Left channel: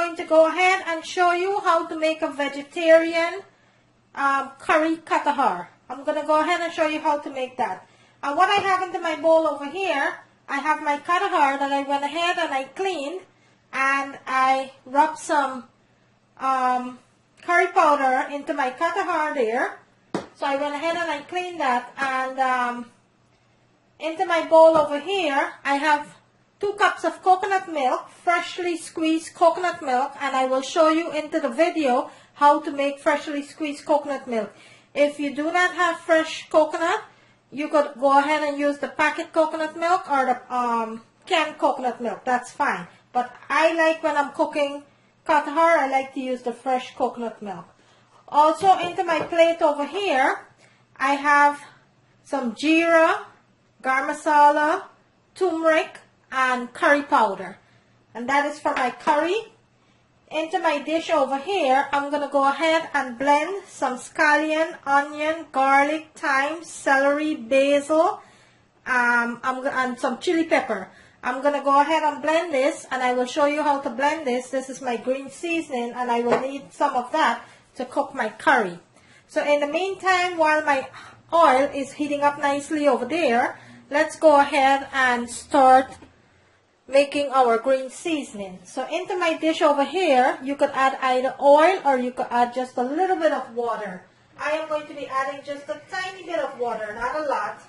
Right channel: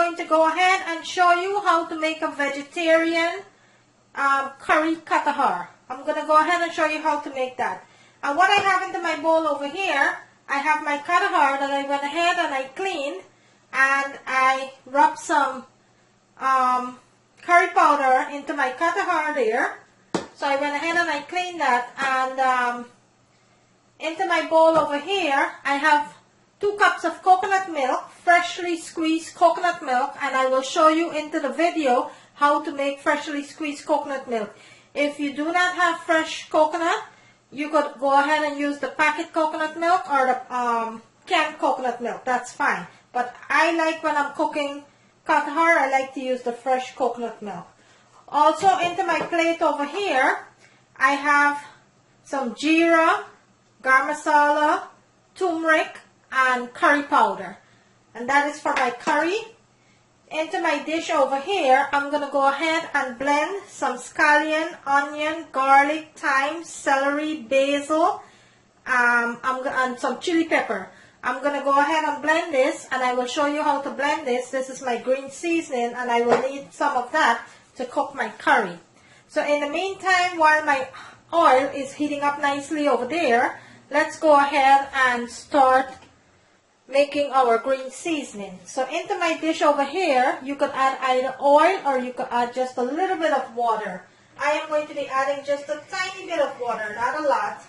going to go ahead and show you how to make a vegetarian curry Khatahar. I'm going to go ahead and show you how to make that. And what I have into my bowl over here, I have my Khatahar that I went ahead and I cleaned, and I rubbed some curry powder into my Khatahar there. So I went ahead and I cleaned that, and into my bowl over here, I have 2 cups of coconut milk, freshly squeezed coconut milk, and I will show you into the video how to make freshly squeezed coconut milk. If you do not have fresh coconut, you could go ahead and use the packet coconut milk or the canned coconut milk. That's fine. But I like, when I'm cooking Khatahar, I like to use the fresh coconut milk. Also, into my plate over here, I have some geera, garam masala, turmeric, and curry powder. And that is for my curry. Into my dish over here, I'm going to go ahead and blend some scallion, onion, garlic, thyme, celery, basil, and some chili pepper. I'm going to go ahead and blend this, and I will show you how to blend this. This is my green seasoning, and I will need some of that to cook my curry. So in the meantime, while my oil is heating up nicely over there, let's go ahead and start making our green seasoning. So into my dish over here, you could add either oil or you could add just a little bit of water. I am going to be adding just a tiny bit of water, not a lot.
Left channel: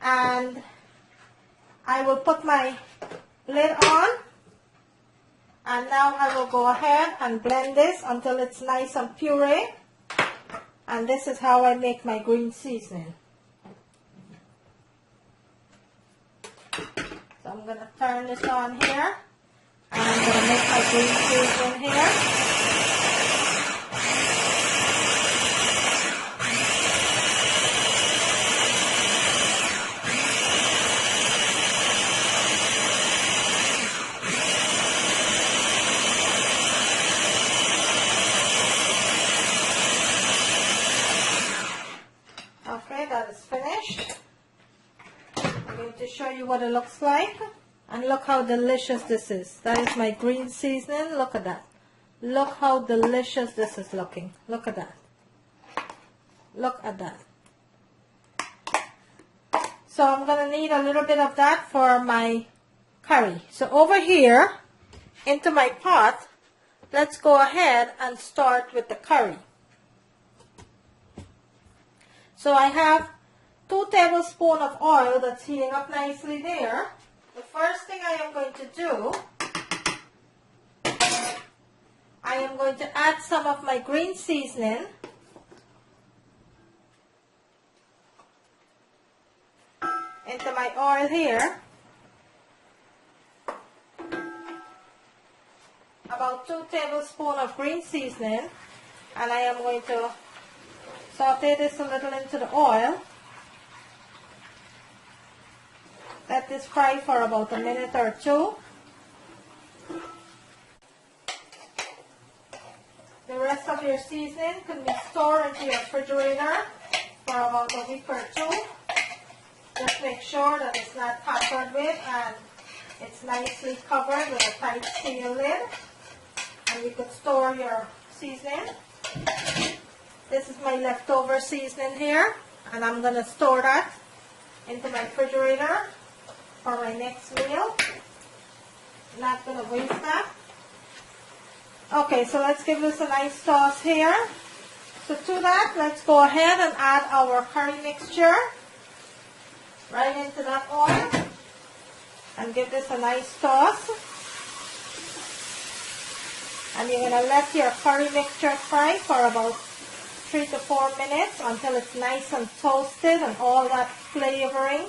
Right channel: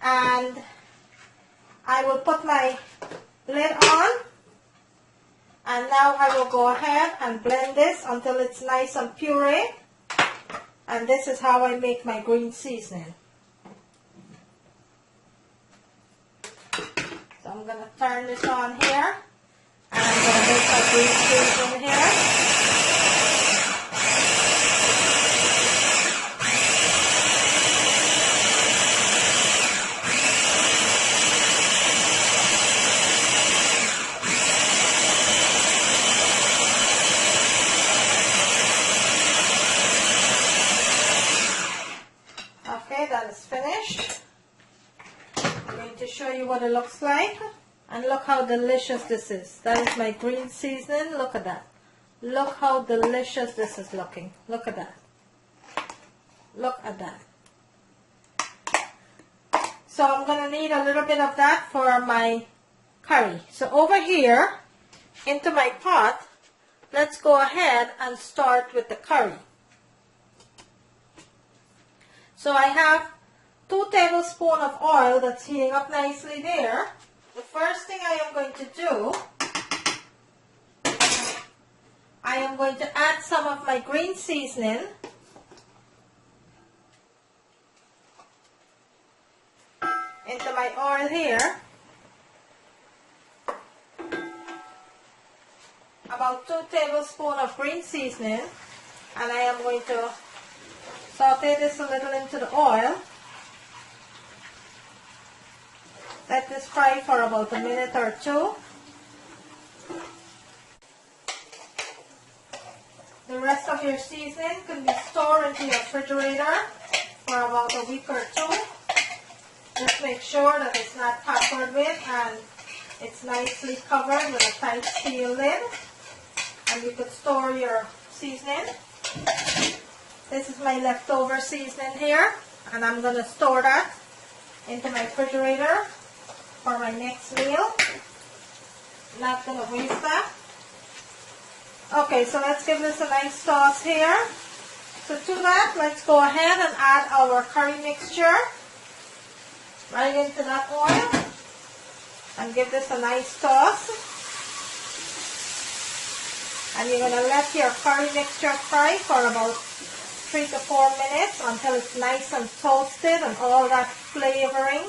And I will put my lid on. And now I will go ahead and blend this until it's nice and puree. And this is how I make my green seasoning. So I'm going to turn this on here, and I'm going to make my green seasoning here. Okay, that is finished. I'm going to show you what it looks like, and look how delicious this is. That is my green seasoning. Look at that. Look how delicious this is looking. Look at that. Look at that. So I'm going to need a little bit of that for my curry. So over here, into my pot, let's go ahead and start with the curry. So I have 2 tablespoons of oil that's heating up nicely there. The first thing I am going to do, I am going to add some of my green seasoning. Into my oil here. About 2 tablespoons of green seasoning. And I am going to saute this a little into the oil. Let this fry for about a minute or 2. The rest of your seasoning can be stored into your refrigerator for about a week or 2. Just make sure that it's not tampered with and it's nicely covered with a tight steel lid. And you could store your seasoning. This is my leftover seasoning here, and I'm going to store that into my refrigerator for my next meal. Not going to waste that. Okay, so let's give this a nice sauce here. So to that, let's go ahead and add our curry mixture right into that oil and give this a nice toss. And you're going to let your curry mixture fry for about 3 to 4 minutes until it's nice and toasted and all that flavoring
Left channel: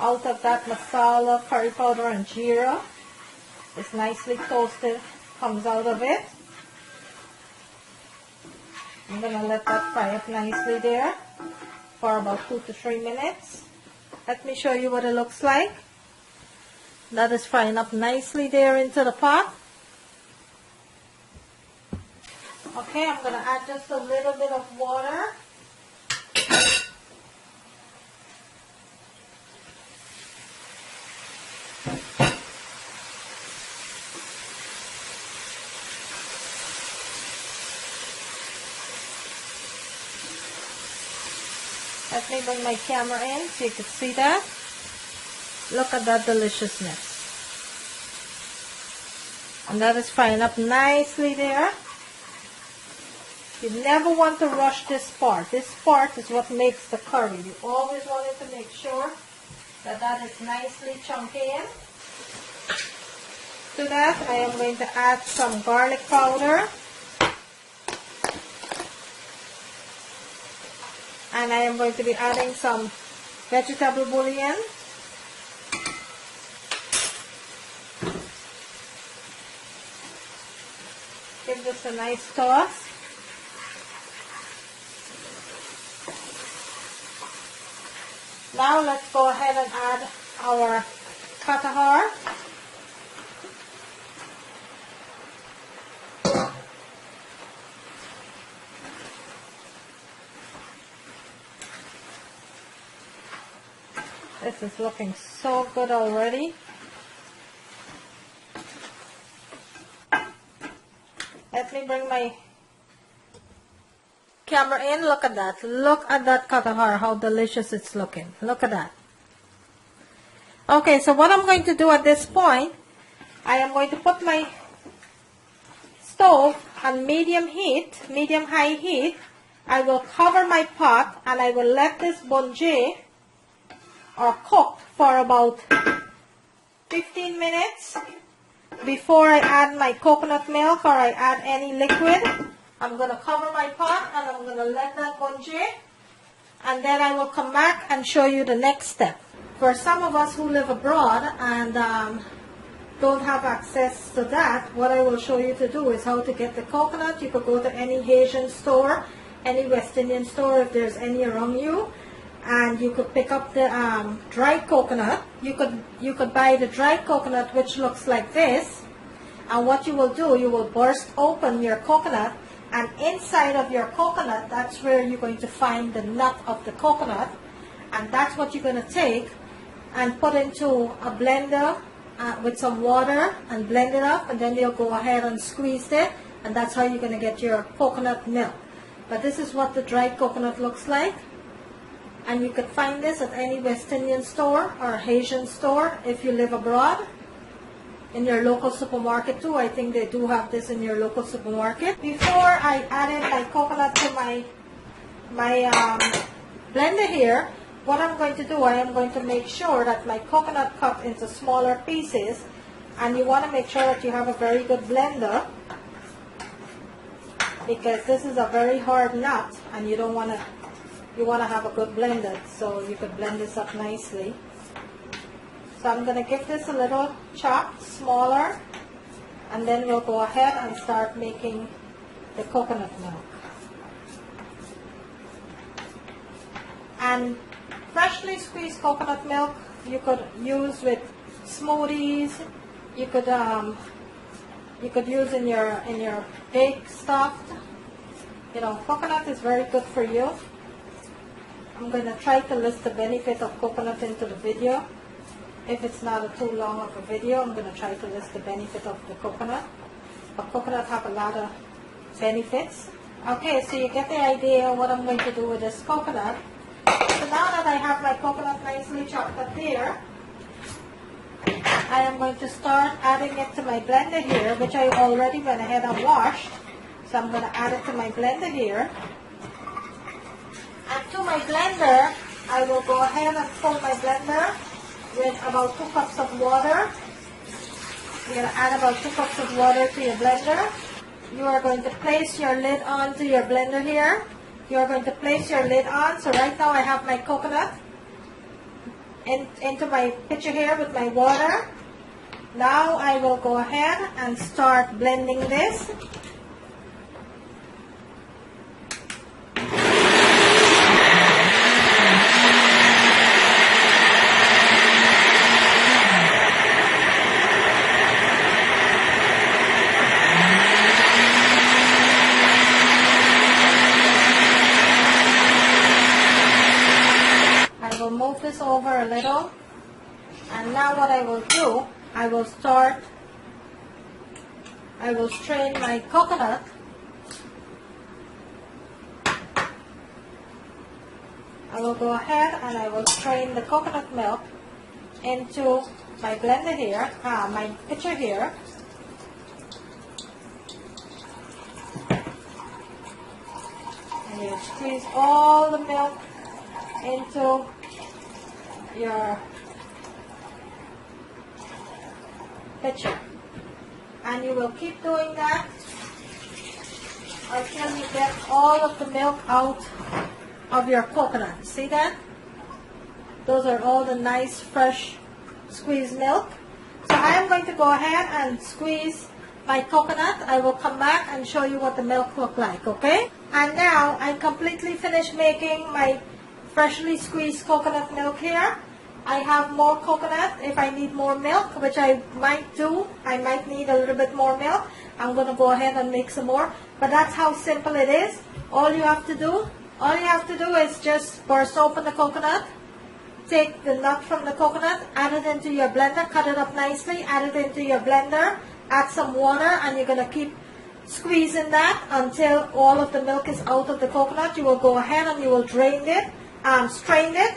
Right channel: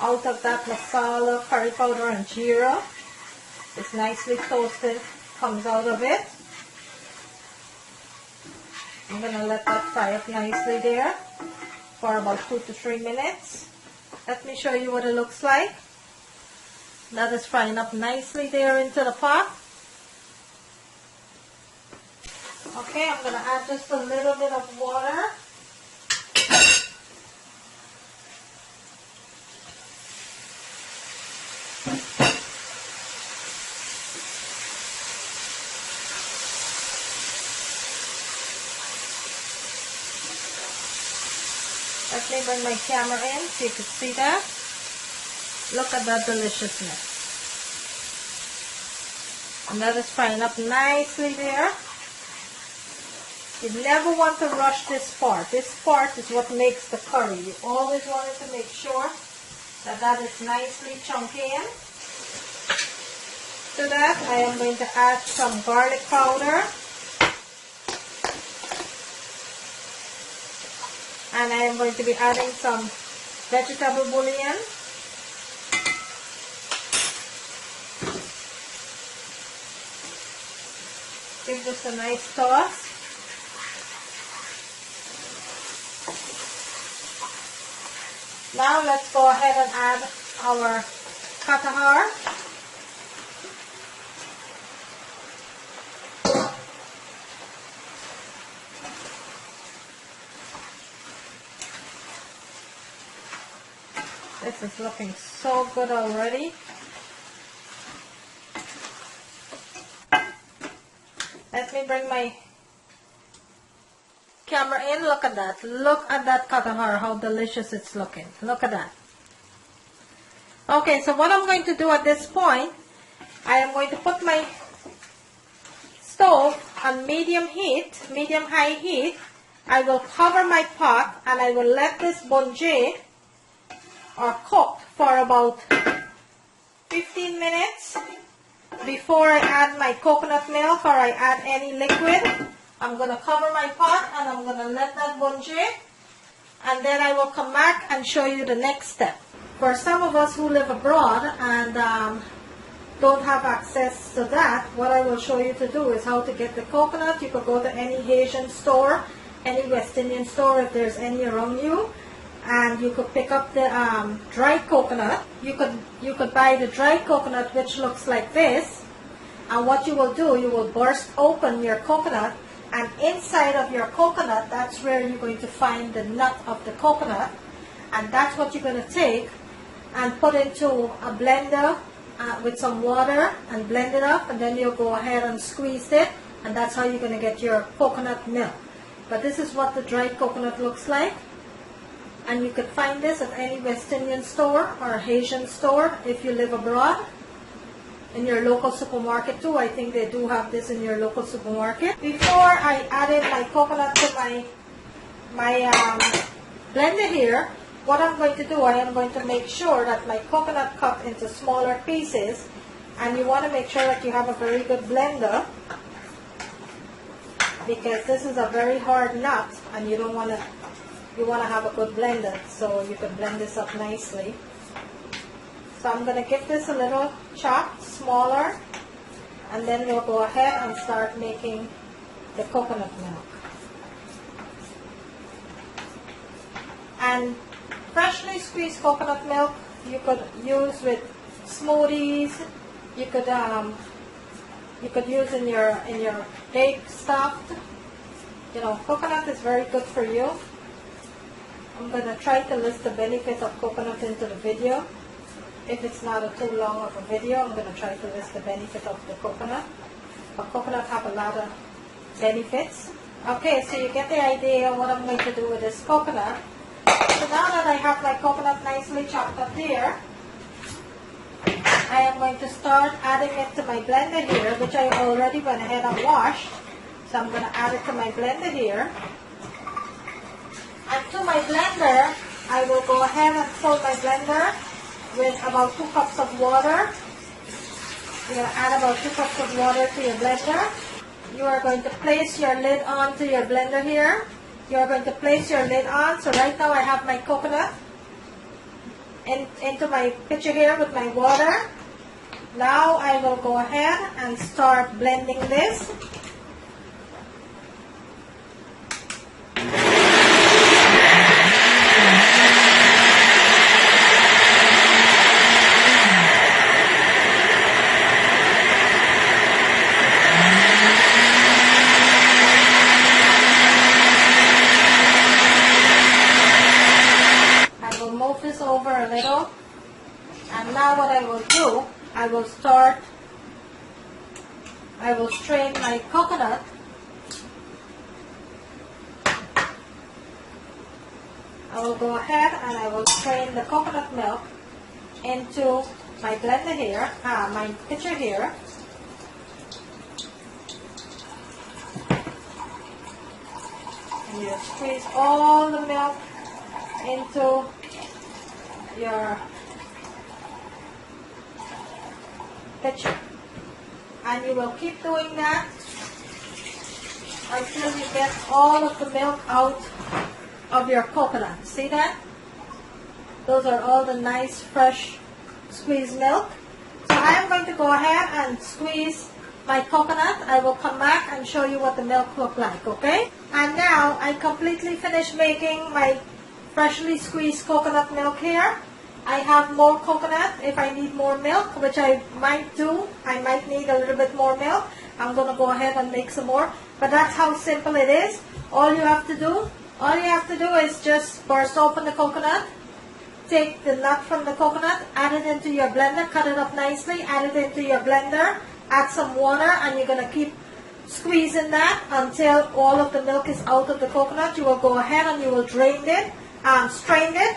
out of that masala, curry powder, and geera is nicely toasted, comes out of it. I'm going to let that fry up nicely there for about 2 to 3 minutes. Let me show you what it looks like. That is frying up nicely there into the pot. Okay, I'm going to add just a little bit of water. Let me bring my camera in so you can see that. Look at that deliciousness. And that is frying up nicely there. You never want to rush this part. This part is what makes the curry. You always want to make sure that that is nicely chunky in. To that, I am going to add some garlic powder. And I am going to be adding some vegetable bouillon. Give this a nice toss. Now let's go ahead and add our Khatahar. This is looking so good already. Let me bring my camera in. Look at that. Look at that Khatahar, how delicious it's looking. Look at that. Okay, so what I'm going to do at this point, I am going to put my stove on medium heat, medium-high heat. I will cover my pot and I will let this bungee or cook for about 15 minutes before I add my coconut milk or I add any liquid. I'm going to cover my pot and I'm going to let that bungee, and then I will come back and show you the next step. For some of us who live abroad and don't have access to that, what I will show you to do is how to get the coconut. You could go to any Asian store, any West Indian store if there's any around you, and you could pick up the dried coconut. You could buy the dried coconut, which looks like this, and what you will do, you will burst open your coconut, and inside of your coconut, that's where you're going to find the nut of the coconut, and that's what you're going to take and put into a blender with some water and blend it up, and then you'll go ahead and squeeze it, and that's how you're going to get your coconut milk. But this is what the dried coconut looks like, and you could find this at any West Indian store or Asian store if you live abroad. In your local supermarket too, I think they do have this in your local supermarket. Before I added my coconut to my blender here, what I'm going to do, I am going to make sure that my coconut cut into smaller pieces, and you want to make sure that you have a very good blender, because this is a very hard nut and you want to have a good blender so you can blend this up nicely. So I'm going to give this a little chop, smaller, and then we'll go ahead and start making the coconut milk. And freshly squeezed coconut milk you could use with smoothies. You could use in your baked stuff. You know, coconut is very good for you. I'm going to try to list the benefit of coconut into the video. If it's not too long of a video, I'm going to try to list the benefit of the coconut. But coconut have a lot of benefits. Okay, so you get the idea of what I'm going to do with this coconut. So now that I have my coconut nicely chopped up there, I am going to start adding it to my blender here, which I already went ahead and washed. So I'm going to add it to my blender here. And to my blender, I will go ahead and fill my blender with about 2 cups of water. You're going to add about 2 cups of water to your blender. You are going to place your lid onto your blender here. You're going to place your lid on. So right now I have my coconut into my pitcher here with my water. Now I will go ahead and start blending this. Over a little, and now what I will do, I will strain my coconut I will go ahead and I will strain the coconut milk into my blender here, my pitcher here. And you squeeze all the milk into your pitcher. And you will keep doing that until you get all of the milk out of your coconut. See that? Those are all the nice fresh squeezed milk. So I am going to go ahead and squeeze my coconut. I will come back and show you what the milk looks like, okay? And now I completely finished making my freshly squeezed coconut milk here. I have more coconut if I need more milk, which I might do. I might need a little bit more milk. I'm going to go ahead and make some more. But that's how simple it is. All you have to do is just burst open the coconut, take the nut from the coconut, add it into your blender, cut it up nicely, add it into your blender, add some water, and you're going to keep squeezing that until all of the milk is out of the coconut. You will go ahead and you will strain it,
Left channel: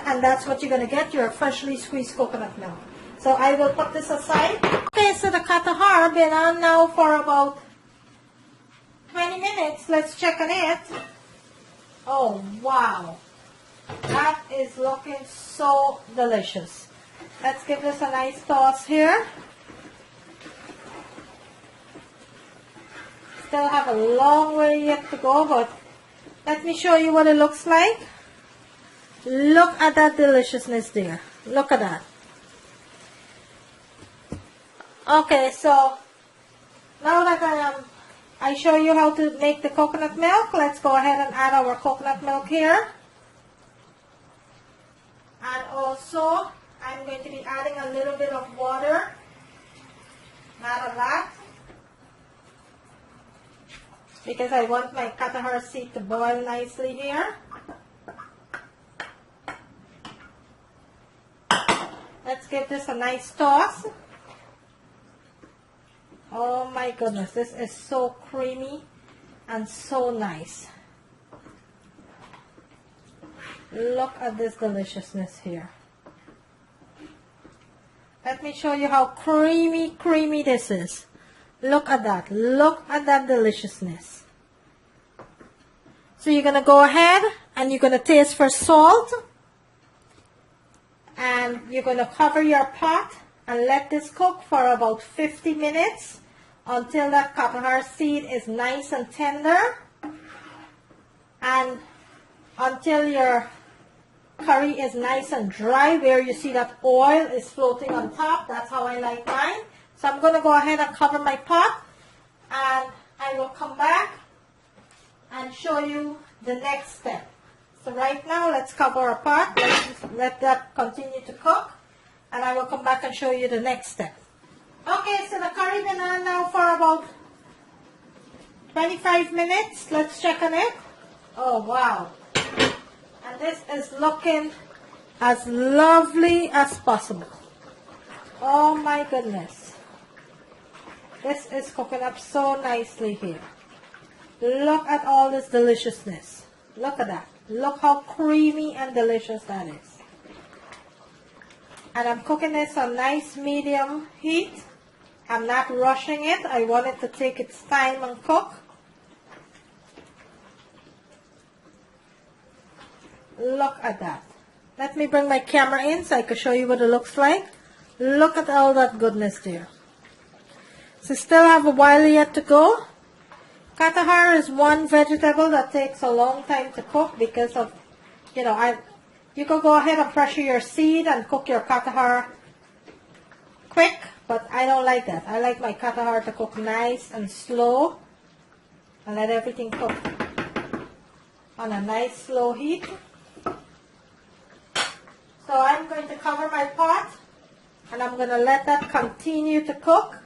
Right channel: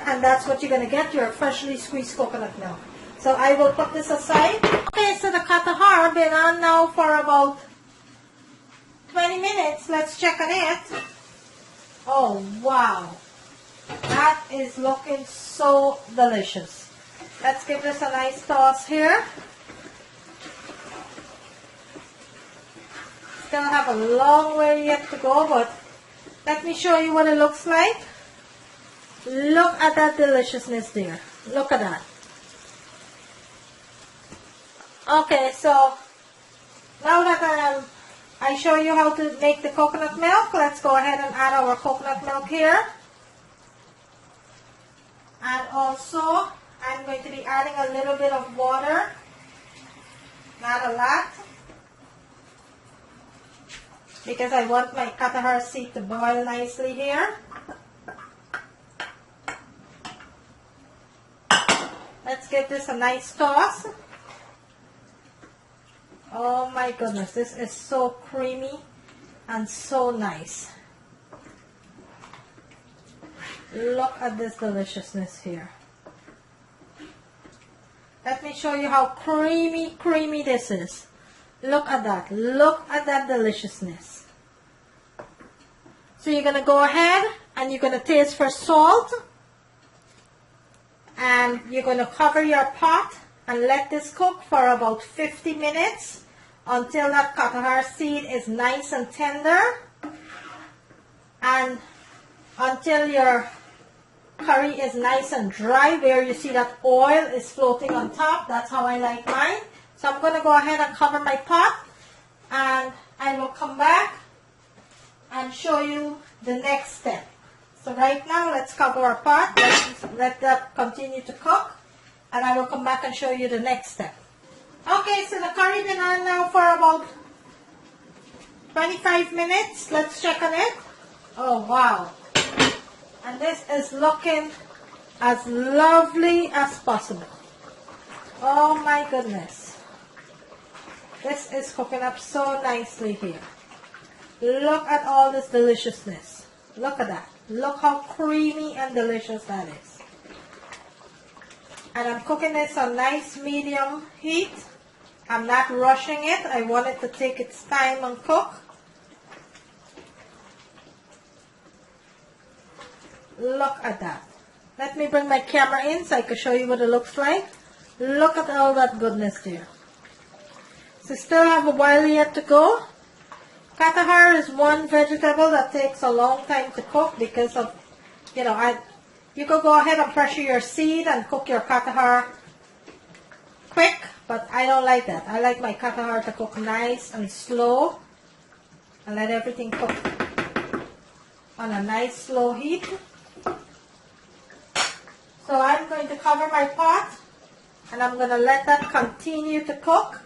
and that's what you're going to get, your freshly squeezed coconut milk. So I will put this aside. Okay, so the Khatahar been on now for about 20 minutes. Let's check on it. Oh, wow. That is looking so delicious. Let's give this a nice toss here. Still have a long way yet to go, but let me show you what it looks like. Look at that deliciousness there. Look at that. Okay, so now that I show you how to make the coconut milk, let's go ahead and add our coconut milk here. And also, I'm going to be adding a little bit of water, not a lot, because I want my Khatahar seed to boil nicely here. Let's give this a nice toss. Oh my goodness, this is so creamy and so nice. Look at this deliciousness here. Let me show you how creamy this is. Look at that. Look at that deliciousness. So you're going to go ahead and you're going to taste for salt. And you're going to cover your pot and let this cook for about 50 minutes until that Khatahar seed is nice and tender, and until your curry is nice and dry where you see that oil is floating on top. That's how I like mine. So I'm going to go ahead and cover my pot, and I will come back and show you the next step. So right now, let's cover our pot. Let's let that continue to cook, and I will come back and show you the next step. Okay, so the curry been on now for about 25 minutes. Let's check on it. Oh, wow. And this is looking as lovely as possible. Oh my goodness. This is cooking up so nicely here. Look at all this deliciousness. Look at that. Look how creamy and delicious that is. And I'm cooking this on nice medium heat. I'm not rushing it. I want it to take its time and cook. Look at that. Let me bring my camera in so I can show you what it looks like. Look at all that goodness there. So still have a while yet to go. Khatahar is one vegetable that takes a long time to cook because of, you know, you could go ahead and pressure your seed and cook your Khatahar quick, but I don't like that. I like my Khatahar to cook nice and slow and let everything cook on a nice slow heat. So I'm going to cover my pot and I'm going to let that continue to cook,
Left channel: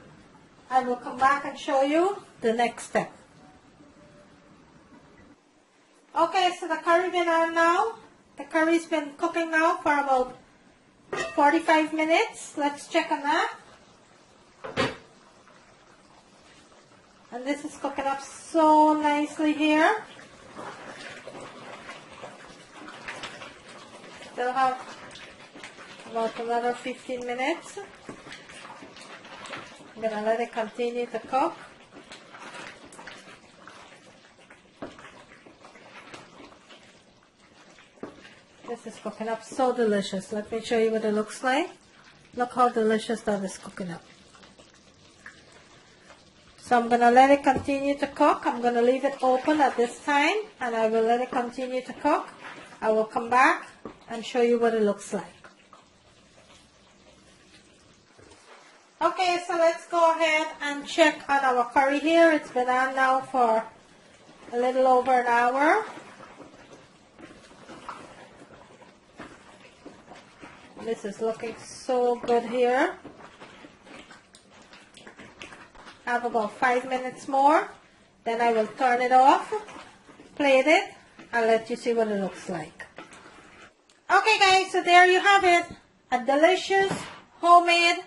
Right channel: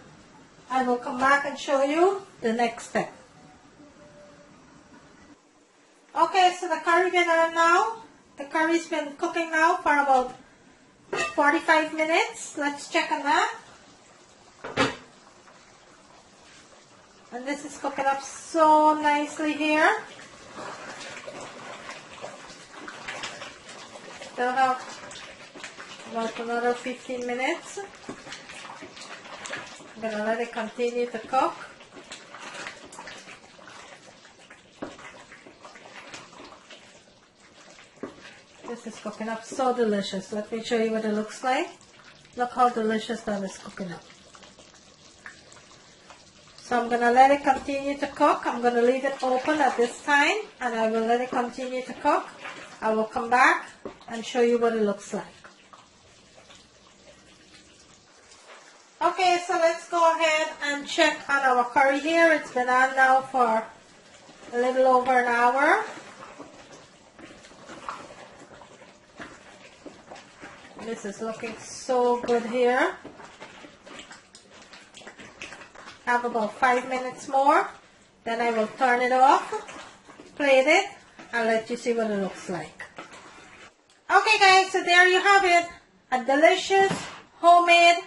and we'll come back and show you the next step. Okay, so the curry been on now. The curry's been cooking now for about 45 minutes. Let's check on that. And this is cooking up so nicely here. Still have about another 15 minutes. I'm going to let it continue to cook. This is cooking up so delicious. Let me show you what it looks like. Look how delicious that is cooking up. So I'm going to let it continue to cook. I'm going to leave it open at this time, and I will let it continue to cook. I will come back and show you what it looks like. Okay, so let's go ahead and check on our curry here. It's been on now for a little over an hour. This is looking so good here. I have about 5 minutes more. Then I will turn it off, plate it, and let you see what it looks like. Okay guys, so there you have it. A delicious homemade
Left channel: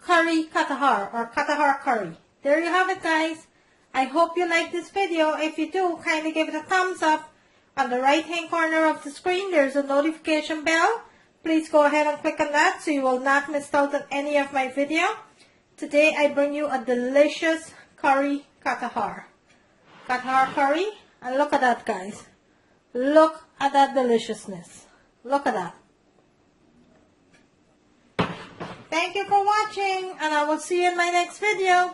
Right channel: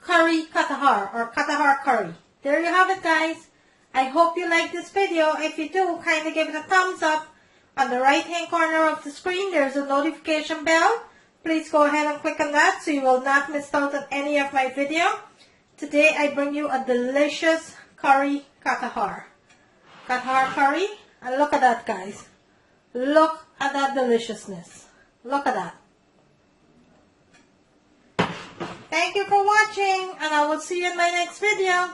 curry Khatahar, or Khatahar curry. There you have it guys. I hope you like this video. If you do, kindly give it a thumbs up. On the right hand corner of the screen, there's a notification bell. Please go ahead and click on that so you will not miss out on any of my video. Today I bring you a delicious curry Khatahar. Khatahar curry. And look at that guys. Look at that deliciousness. Look at that. Thank you for watching, and I will see you in my next video.